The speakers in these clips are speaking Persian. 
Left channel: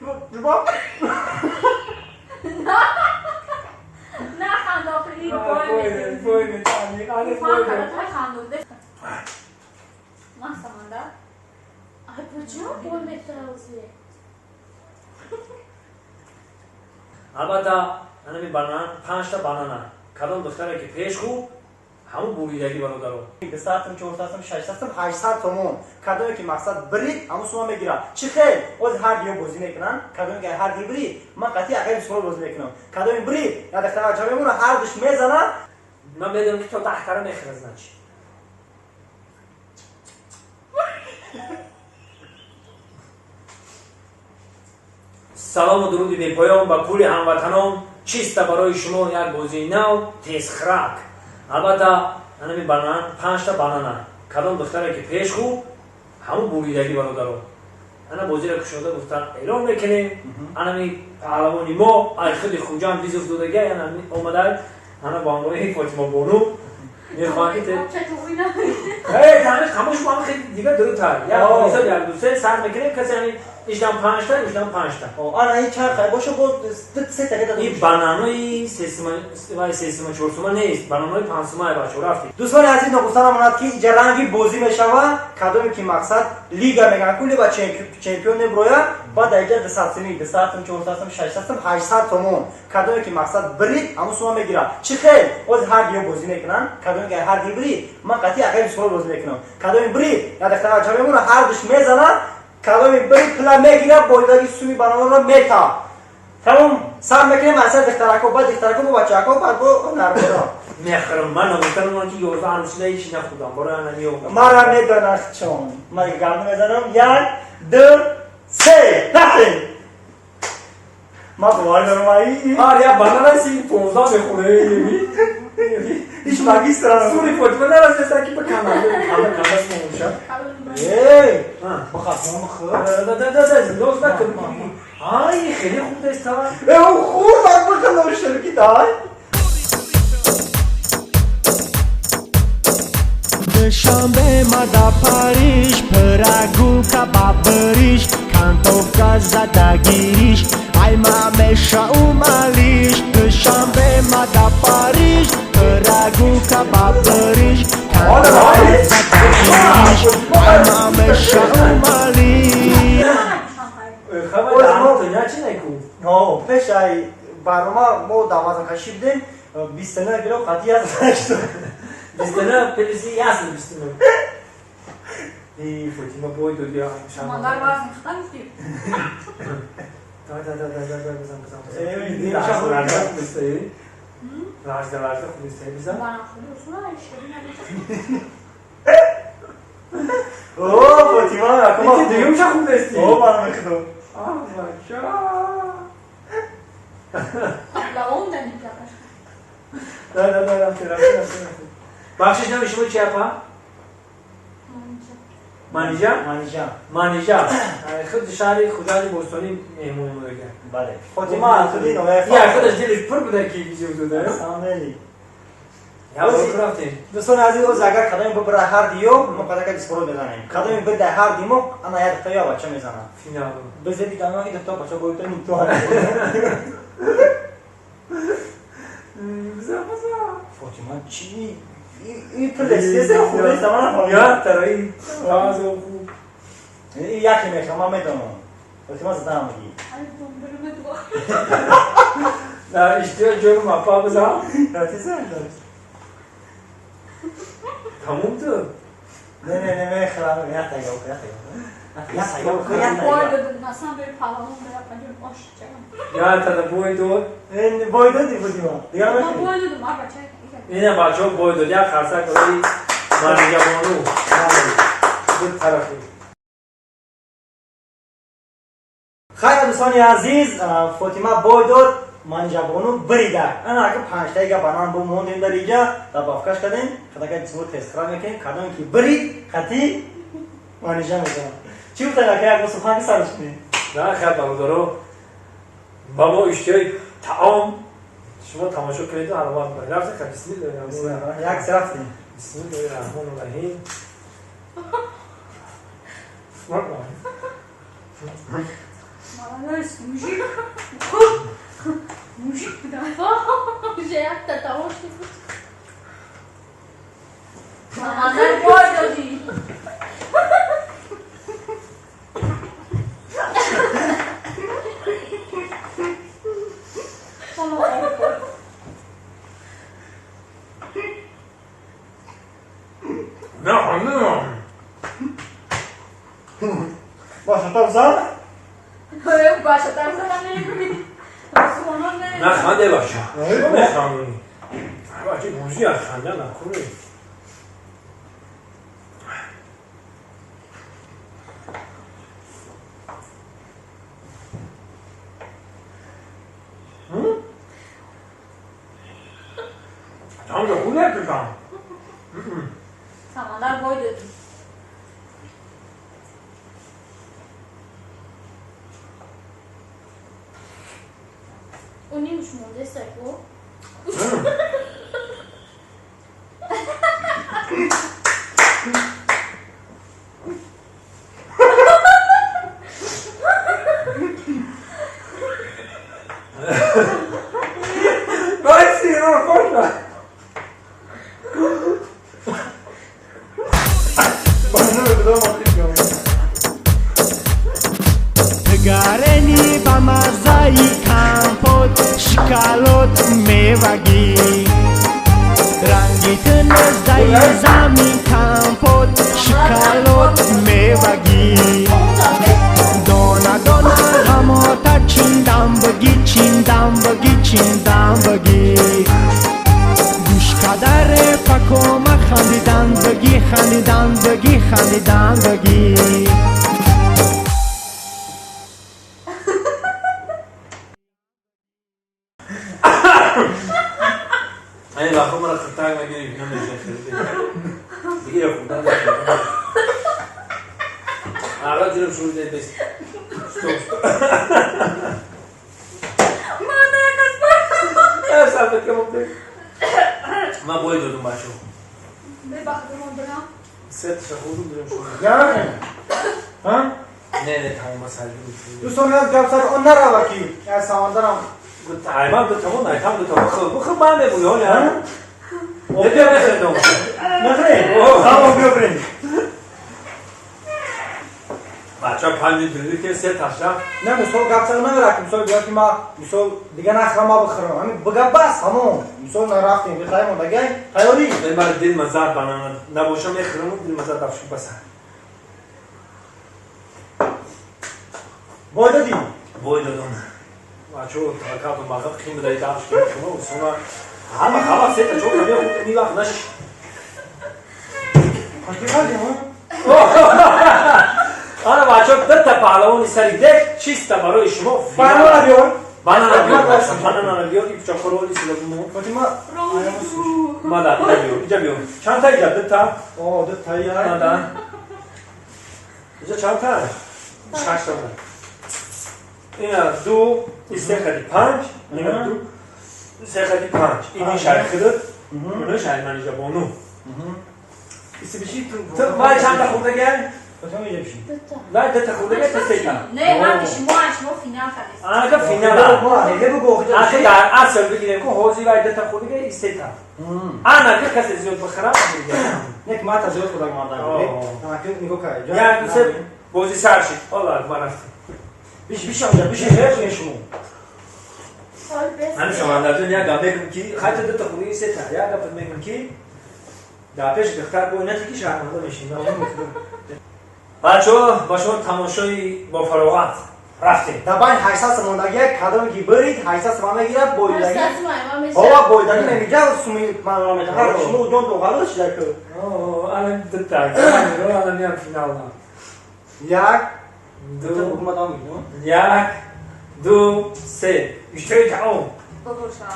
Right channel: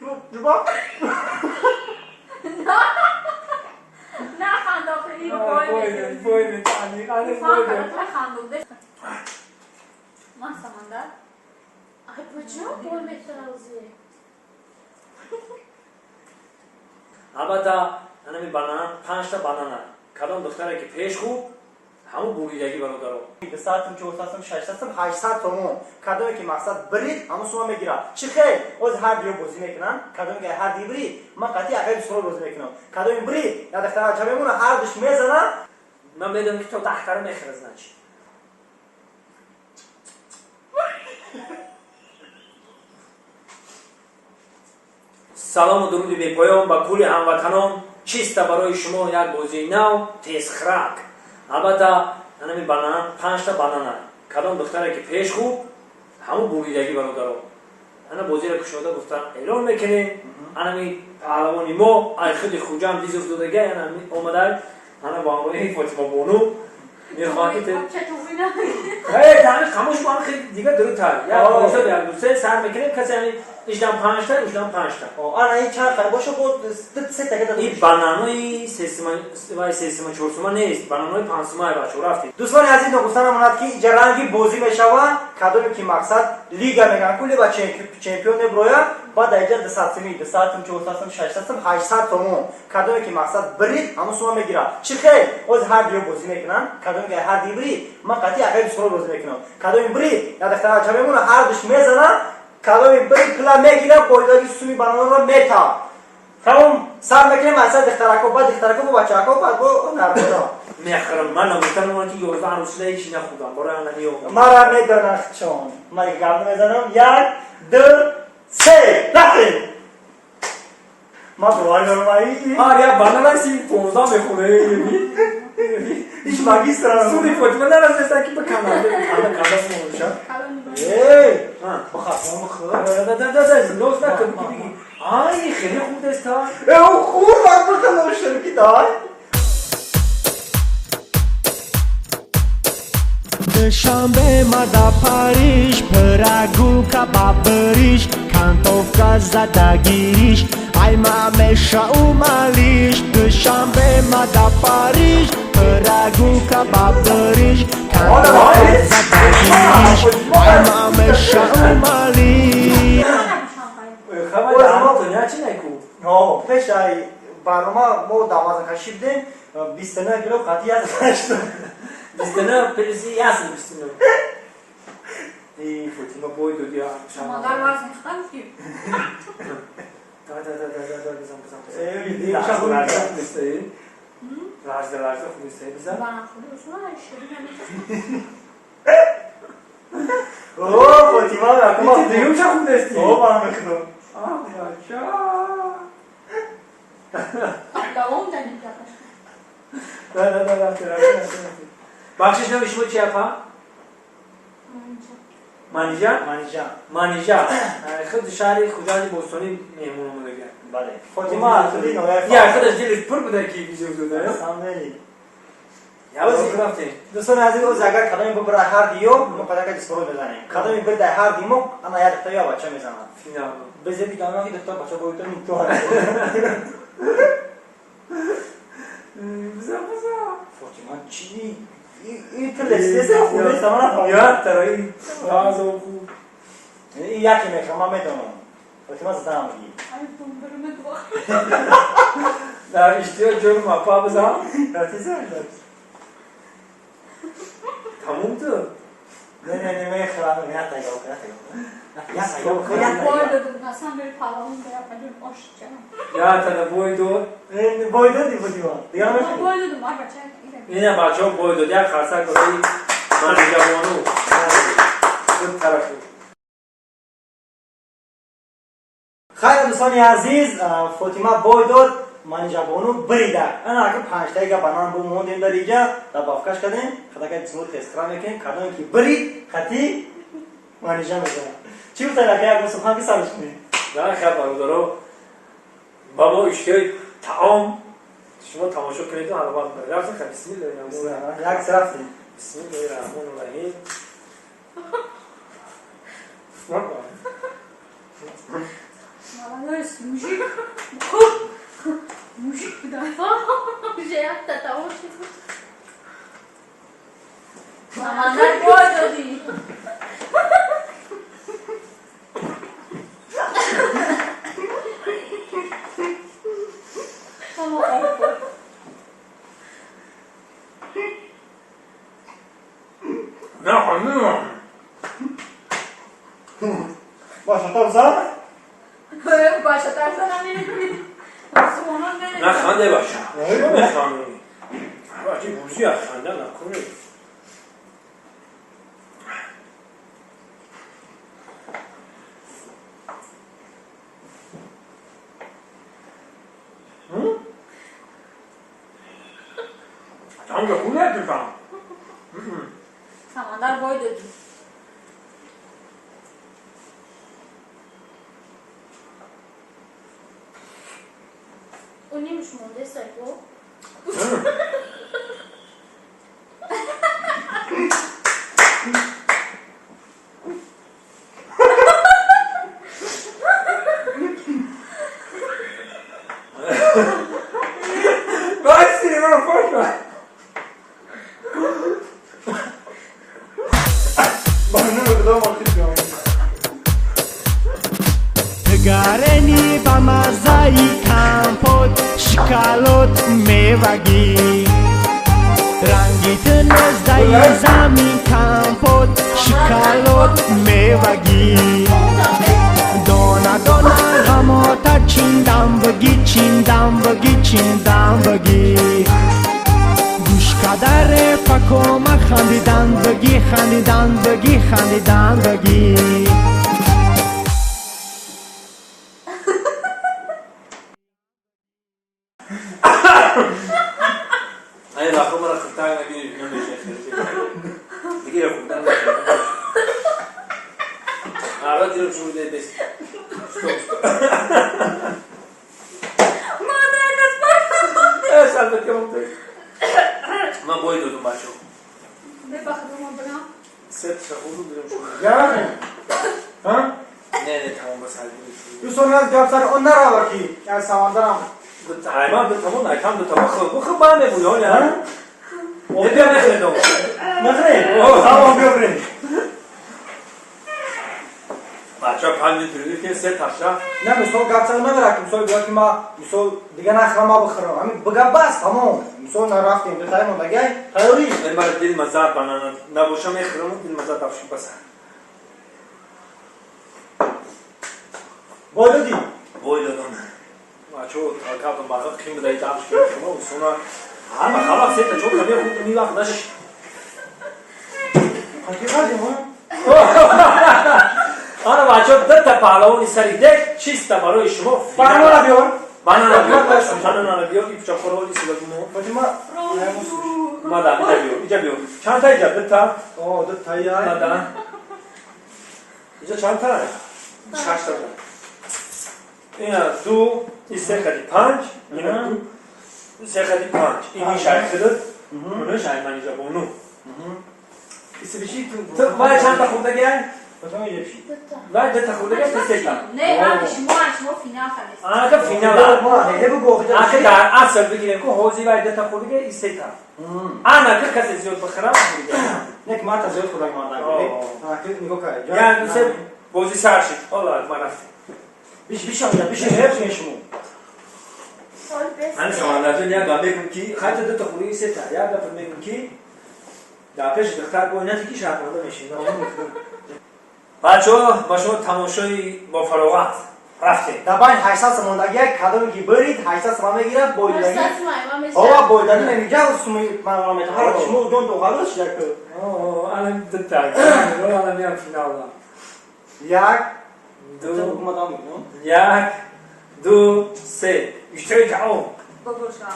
جواب نه خنداقه این بوی میکنی خانه بوی خندوده ما سمندر ای بچه بول میترازی البته انا می بانان 5 تا بانانا کدام دختره که پیش خوب همون بویدگی برادرو 200 400 600 800 تومون کدومی که مقصد برید همون شما میگیره چی خیر از هر دیو بازی میکنن کدومی که هر دی برید من قطعی عقیل سرو بازی میکنم کدومی برید یا دختر چه میمونه هر دوش میزنه من میدونم که تو دختره میخرزن چی سلام و درود بی پایان با کل هموطنان چیست برای شما یک بازی نو تیزخرک البته انا می بانان 5 تا بانانا کدام دختره که پیش خوب همون بویدگی برادرو انا بازی را کشوده گفتن اعلان میکنیم انا می پهلوانی ما ای خود خوجام دیز افتادگی انا اومده انا با عنوان فاطمه بانو میخواهید چطوری نه تعمیل خاموش با هم خیلی دیگه دروتر یک بایسا یک دوسته سر میکنه کسی همین ایشدن 5 تا ایشدن 5 تا آنا این چند خیلی باشه بود 3 تا که این بانانوی سیستم 4 سومه نیست بانانوی 5 سومه بچه رفتی دوستان عزیز نگفتن امانت که اینجا رنگی بازی میشوه کدومی که مقصد لیگا میگن کلی با چمپیون برویا با دیگر 200 سمی 200 400 600 800 تومون کدومی که مقصد برید همون شما میگیره چی خیر از هر دیو بازی میکنن کدومی که هر دی برید من قطعی عقیل سرو بازی میکنم کدومی برید یا دختر چه میمونه هر دوش میزنه کدومی برید پلا میگیره بایدگی سومی بانانا رو میتا تمام سر میکنیم اصلا دخترکو با دخترکو با بچه‌کو بعد با نرمودا میخرم من نمیتونم که 11 عروسی هیچ نخودم برای انا میو مرا میدونم چون من گردن میزنم 1 2 3 نخیر ما دوباره دارم ای آره بانانا سی 15 میخوره هیچ ماگیستر سوری فاطمه نرسیدن که به کانال موشا ای بخاطر ده لوز نکن آی خیلی خوب است او خوب بکنم نورشلکی دای Dushanbe mada Paris Pragu kebab berish Kantovka zadagirish Ay mamesha umalish Dushanbe mada Paris Pragu kebab berish Kantovka zadagirish Ay mamesha umalish خبر دارم دنیا چی نکو آه پیش ای برنامه ما دوازن کشیدیم 29 کیلو قطعی از داشت بیستنه پلیسی یاس بیستنه ای فاطمه بوی دو دیا مادر وزن ختم کی دا بزن ای دی راز چاقو راز خوبسته راز خوبسته بزن بنا خودشون اشتری اوه فاطمه اکما این دیگه چه خوب دستی اوه من میخدم آه بچا لام دنی کلاش دا بخشش نمیشه چی اپا مانیجا مانیجا خود شهری خدای بوستانی مهمون میگه بله فاطمه تو دینو یا خودش دلش پر بوده کی بیزو داره سامنی یا برافتی دوستان عزیز از اگر کدامی ببره هر دیو ما قدر که سپرو بزنیم کدامی بده هر دیمو انا یاد تا یا بچه میزنم فینا بزدی کاما که دکتر بچه گویتو نیتو بزا فاطمه چی این پلیستیشن خوبه سامان یا ترایی راز و خوب این یکی میخوام من میدونم فاطمه زدم میگی ای بومبرم تو در اشتیا جون مپا بزا راتی زد تموم تو نه میخوام یا تایگو باید نسان بری پالامون بیا پنجم باش چرا یا تا بوی دو این باید دی فاطمه دیگه ما میخوام باید ما بچه اینه بچه ها بوی دو یا خرسه کنی مانیجا بانو بود طرفی خیر دوستان عزیز فاطمه بوی داد مانیجا بانو بریده انا اگه 5 تا بانان بو موندیم در اینجا تا بافکش کردیم خدا که جسمو تسکرا میکنیم کدام کی برید خطی مانیجا میکنه چی بتاینا که اگه سخن که سرش نیم نه خیلی برادرها بابا اشتیای تعام شما تماشا کنید و حرامات کنید رفت که بسم الله الرحمن الرحیم یک رفتیم بسم الله الرحمن الرحیم Samanlar mujik. Mujik bir daha. Jayat tatavur. Samanlar boy dodi. نه خانم Başlatalım sana. Böyle başlatarsan ne? Sonra ne? نه خنده باشه Evet. نه خانمی باشه بوزی از خنده نکنی tamam da خوب نتونم Samanlar boy dodi. O neymiş mi? Destek o. Ben sinema boş ver. Bana ne kadar mantık ya. تگرنی با مزایی کمپوت شکالوت میوگی رنگی تنزدای زمین کمپوت شکالوت میوگی دونا دونا غماتا چیندم بگی چیندم بگی چیندم بگی گوش کدر پکوم خندیدن بگی خندیدن بگی خندیدن بگی این لحظه من خطایی نگیری نمیشه خیلی بگیره خوب نمیشه حالا دیرم شروع دید بس سلبت که ممکنه من باید دادم بچه Ne bakalım onlara? ست شخوردم دیرم شروع Yani. Ha? نه تمام مسئله میشه Du sonra yapsar onlar ala ki. Yani samandaram. تمام دو تمام نه تمام دو تمام خب من بگویم یا نه بیا نخیردم Nasıl? Tamam göbreğim. بچه ها پنجی دیدی که سه تاشا Ne misal kapsal ne bırakayım. Misal diyor ki ma misal diğer akrama bakırım. Hani bıga bas tamam. Misal ne raftim. Bir kayım onda gel. Hayori. این بار دل مزار بنانا نباشم میخرم دل مزار دافشی بسر Boyda değil. وای دادم بچه ها تاکاتون باقی خیم بدهی دافش کنم شما و سونا همه خلاص سه تا چون نمیه خوب میوقت نشش Hakikaten değil mi? آره بچه ها دو تا پهلوانی سری دک چیست برای شما Bana ne diyor? بنانا بیار بچه بنانا بیار این پچه خورولی سیلگونو Fatima. Ayağımı sür. مادر اینجا بیار اینجا بیار چند تا اینجا دو تا Oo da tayyay. مادر اینجا چند تا شش تا بود اینا دو این سه خدی پنج اینا دو سه خدی پنج این شای خدت اونو شای من اینجا با اونو İsi bir şey تو وای چند تا خورده گل Fatima öyle bir şey. وای دو تا خورده گل سه تا Ne var ki şmo final kalis. آنها که فینال Ne bu gohda? آخه در اصل بگیریم که حوزی وای دو تا خورده گل این سه تا آنها که کسی زیاد بخرم Nek mata ziyot kudak marda gibi. Ha kız niko kay. yani دوست بوزی سر شد الله اکبر رفتیم Bir şey olacak. Bir şey hep şunu. من سماندارتون یا گام میگم که خاطر دو تا خوری سه تا یا گفت میگم که داپش بختار با اینا تیکی شرمنده میشین بچه‌ها با شما تماشای با فراغت رفتیم Taban 800 samondagi kadam ki berit 800 samama girer boydagi. Saçma ama mesela. Hava boydagi nemiga sumi manamet har şunu don doğalı şirak. اوه الان دو تا الان میام فینال Yak دو bu kumadan gidiyor. یک دو سه اشتری تمام Babuşa.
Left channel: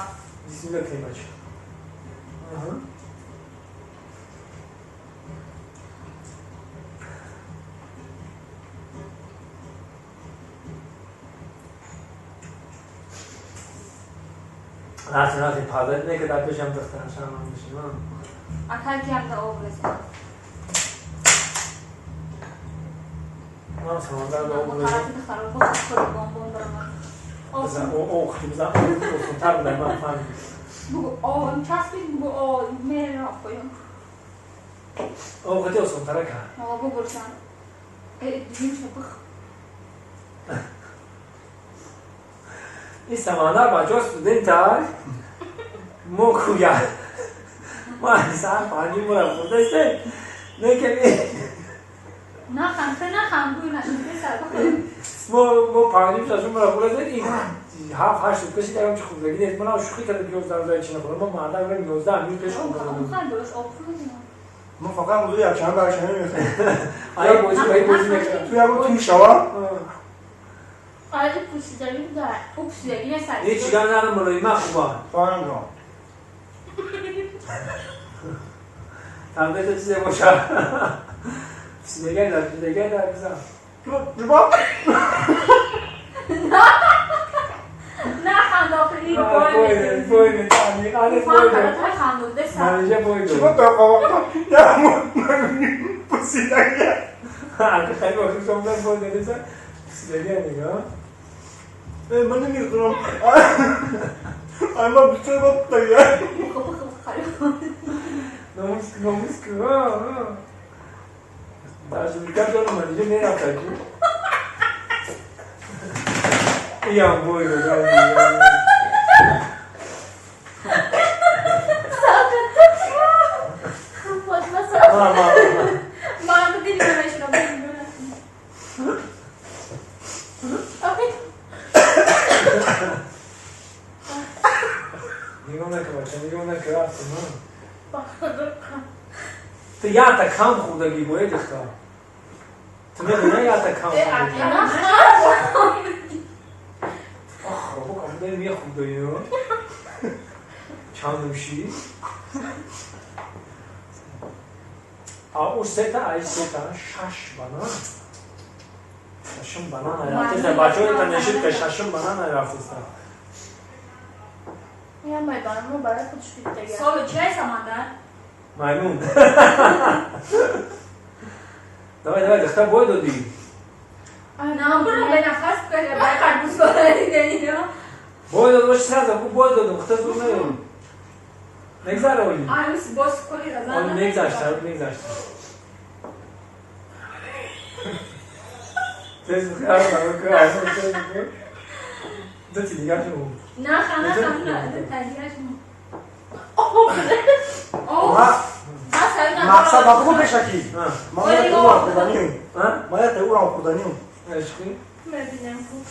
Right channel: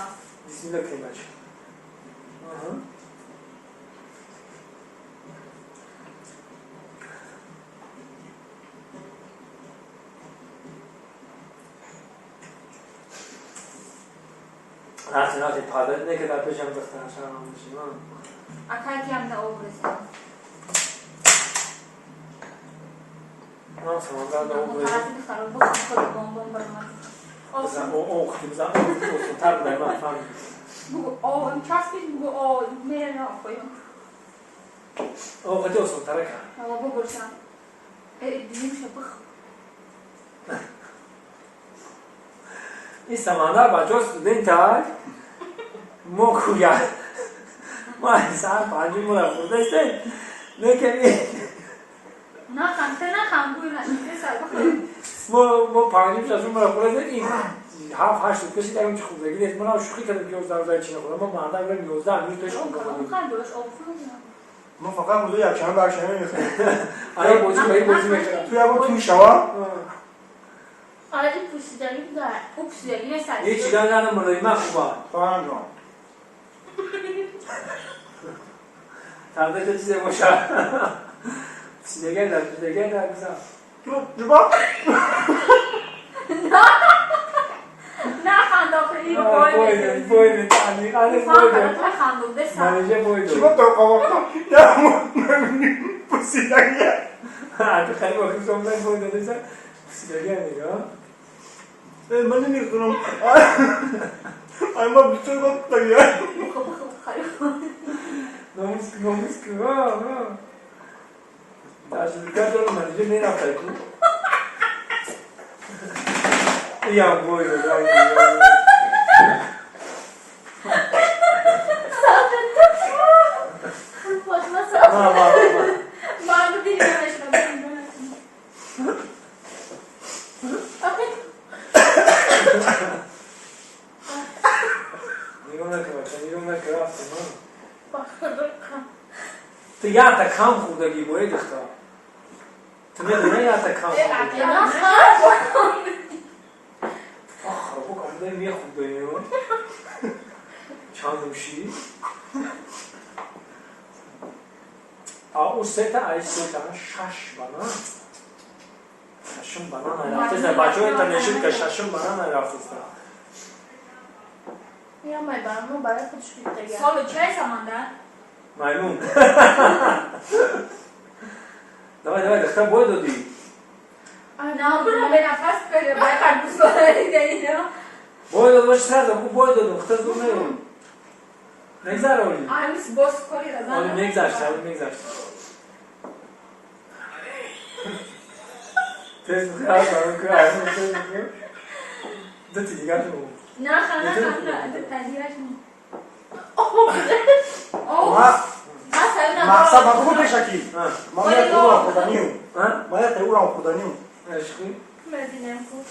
بسم الله کنیم بچه نه پادر نه که داد بشم دختر شما میشم Akal ki hem de o mesela. اونم سمندر رو اون بودیم طرفی خراب بود خود بامبون برامد بزن او خیلی بزن او تر بودن من فهم بگو این چسبید بگو میره را خویم او خیلی اصلا تره کرد آقا ببرسم دیگه میشه بخ این سمندر بچه ها studentای ما کویا ما احسان پانجی مرا خورده است نه که نه خم بوی نشده سر بخوریم ما پانجی شاشون مرا خورده است این هفت شد کسی دیگه چه خوردگی نیست من شوخی کردم که 11 چی نخوردم ما مردم میگن 11 میز پیش اون خوردم خیلی درست آب فرودیم ما فقط موضوع یک چند برشنه میخواییم آیا بازی میکنم توی همون توی شوا آره این پوسیدگی داره او پوسیدگی نه سر یه چیگان زنم ملایمه خوبه فهم جان تقدیر تو چیزه باشه سیدگه در بزن جبا نه خنداقی بویده تانی آنه بویده خندوده سر منیجه بویده جبا تا قواقتا نه پسیدگیه اگه خیلی وقتی سامدن بویده نیست سیدگه نگاه من نمیخونم اما بسیار باید بگیره ناموس که داشتیکن جلو منیجه نرفته که ایام بویده نگاه نکه رفتی تو یا تا کم خوردگی باید اختار تو میدونه یا تا کم خوردگی آخ رو بکنم داری میه خوردگی رو چند نوشی او سه ای سه شش بانان ششم بانان رفته بچه های تا نشید که ششم بانان رفته یا مای برامو برای خودش بیده سالو چه سمندر؟ مایمون دوای دختر باید دادی نه برو به نفس کنه برای خربوز کنه دیگه باید داد باشه سر خوب باید دادم دختر زور نگیم نگذار اولی آمیس باز کنی رزن اولی نگذاشت تیز بخیر برای که اصلا تیز بخیر دو تی دیگر شو نه خنده تنگیرش مقصد ما بگو پیشکی ما میاد او را خوردنیم ما یاد او را خوردنیم عشقی مردینم کن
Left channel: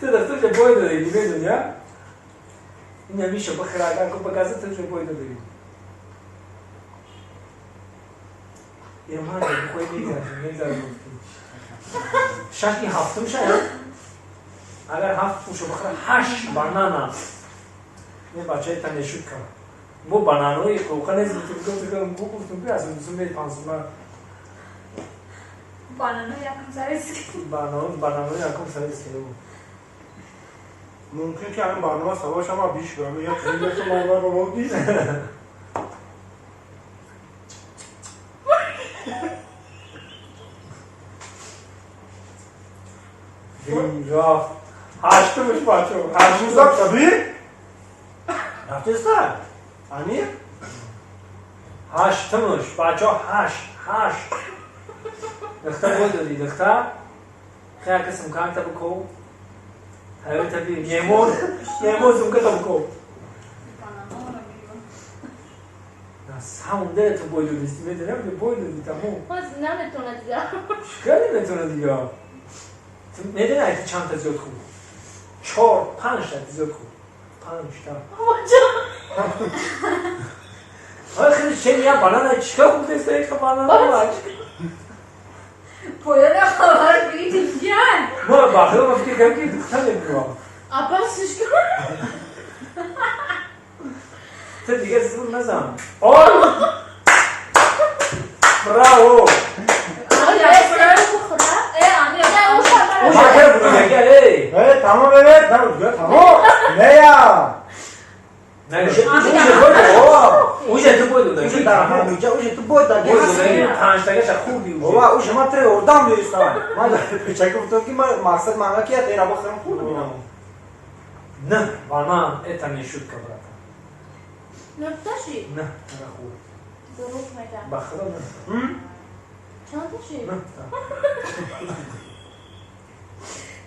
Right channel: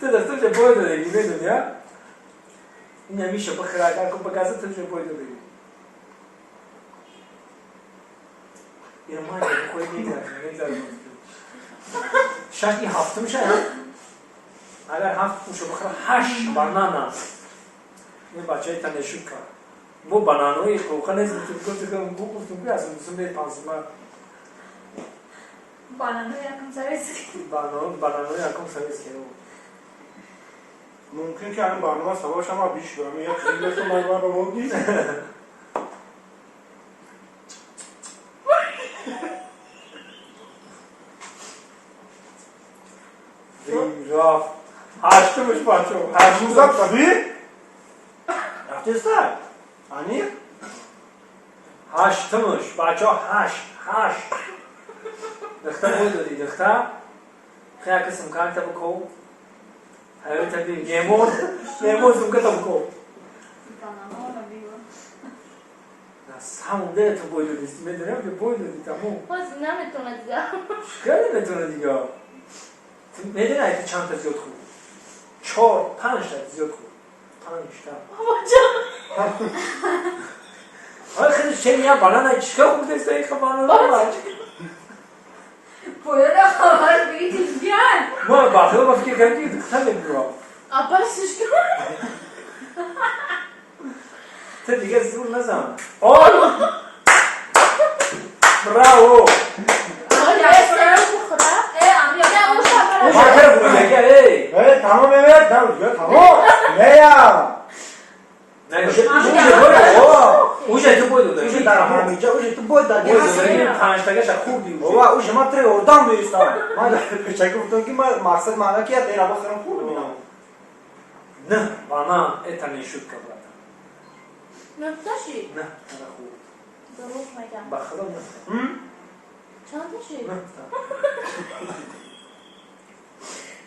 تو دختر چه باید دادگی بدونیا این همیشه بخیر اگر که بگذار تو چه باید دادگی یه مانه بخوی نگذار شاید این هفته میشه اگر هفت پوشه بخیر 8 بانان است یه بچه های تنشود کن بو بانانوی قوقه نیزیم تو گفتم بو گفتم که اصلا دوستم دید 500 من بانانو یکم سرسی بانانوی یکم سریس که بود ممکن که الان برنامه سباش هم بیش برم یا چیزی بسته من رو بودی دیم رفت هشتمش بچه روزا طبی رفته سر انی هشتمش بچه هشت دختر باید دادی دختر خیلی کسیم کن تا بکو هیوی تبی یمون زمکه تا بکو همون دل تو باید دادیستی میدونم که باید دادی تموم باز نمیتونه دیگه خیلی میتونه دیگه تو میدونه که چند تا زیاد خود 4 5 تا زیاد خود 5 تا آره خیلی چه میگم بانان چیکار خود است که بانان پویده خبر بگید جان ما باخته ما فکر کردیم که دختر نمیدونم اپا سیش کن تو دیگه زور نزن براو ما کرد ای تمام ببر نه تمام نه یا نه چه اوجه تو باید اوش در همینجا اوش تو باید در هستی پنج تاگش خوب دی بابا اوش ما تری اردام بیستم ما در پیچه گفتم که مقصد معنا کیه تیرا بخرم پول بینم نه وانا اتنی شد کبرات نفتشی نه نه خوب دروغ میگم بخدا نه چند تاشی نه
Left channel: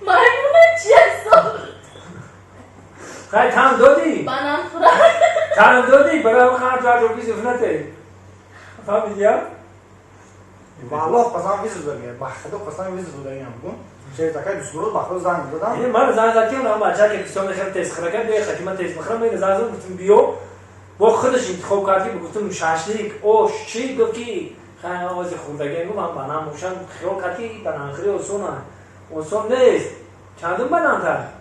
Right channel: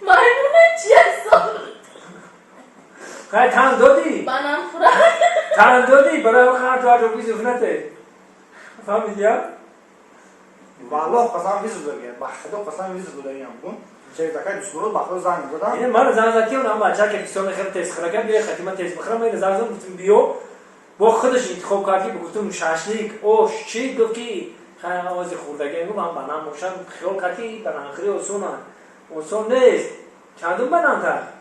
مایمونه چی هستم خیلی تن دادی بانم خورم تن دادی برای اون خواهد تو روی زفنته فهمیدی ها؟ والله قسم ویز داریم بخدا قسم ویز داریم گم چه تکای دوست بخدا زنگ دادم یعنی من زنگ زدی اونم بچه که بسیار خیلی تیز خرکه بیه خیلی من تیز بخرم این زنگ زدم گفتم بیو با خودش انتخاب کردی بگفتم شاشلیک اوش چی دوکی خیلی آوازی خوردگی گفتم بنام موشم خیال کردی بنام خیلی اصوم نیست چندون بنام کرد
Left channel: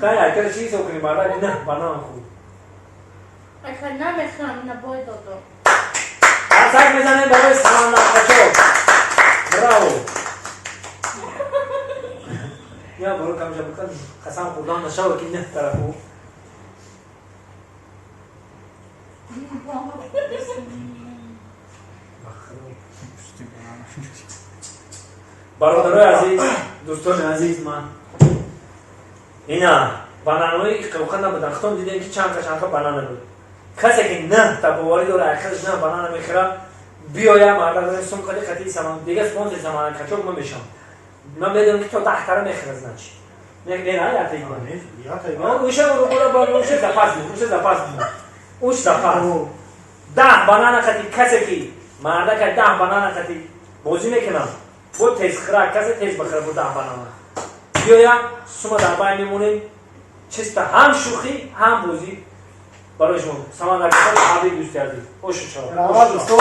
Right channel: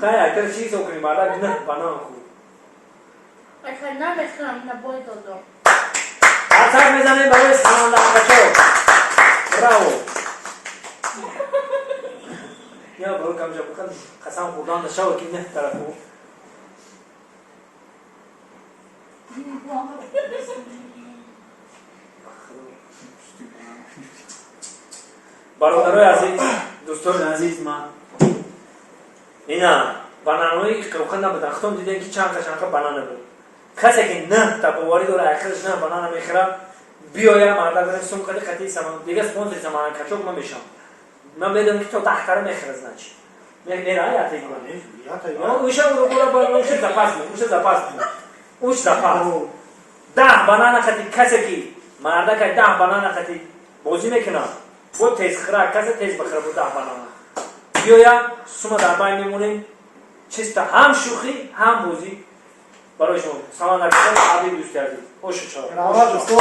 خیلی اکر چیز کنی مادر نه بنام خوب اگر نمیخوام نباید دادم اصلا میزنیم برای سلام نقاشو براو یا برو کم جا بکن قسم خوردان نشاو که نه طرفو برادرای عزیز دوستان عزیز من اینا بنانوی که قروخن نبودن خودم دیدن که چند تا بنانه بود کسی که نه تبواری داره آخرش نه بنانه میخوره بیایم مردم برای سوم کلی خطی سامان دیگه سپانسر سامان کچوک من میشم من میدونم که تو تحتره میخوره زنش میگه یا تیک کنی یا تا اوشه رو برو با اوشه زپاس می اوش زپاس 10 بنانه خطی کسی که مردا که 10 بنانه خطی بازی میکنه بود تیز خرا کسی تیز بخره بود 10 بنانه بیایم سوم در بین میمونیم چیستا هم شوخی هم بازی برای شما سامان نکردن حبیب دوست کردی خوش شما رحمت دوستو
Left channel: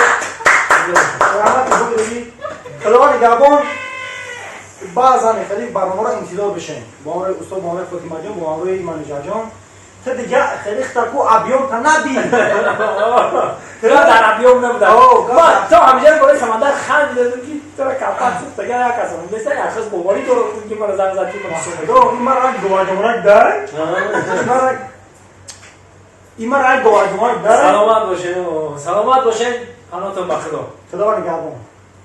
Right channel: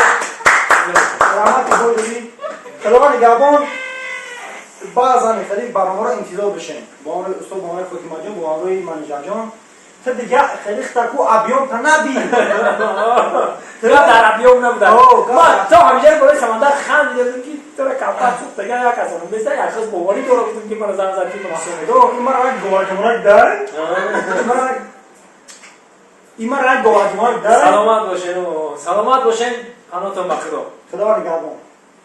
رحمت بودی خداوند نگهبان بعضا خیلی برنامه را انتظار بشین با آن استاد با آن فاطمه جان با آن منیجر جان تا دیگه خیلی تکو ابیام تا نبی ترا در ابیام نبوده ما تو همیشه برای سمندر خندیده بود که ترا کپات سوخت دیگه یا کسان مثل ارخص بواری تو رو که من زن زدی تو این مرا گواجمونک داره این مرا گواجمونک داره سلامت باشین پناهتون بخدا خداوند نگهبان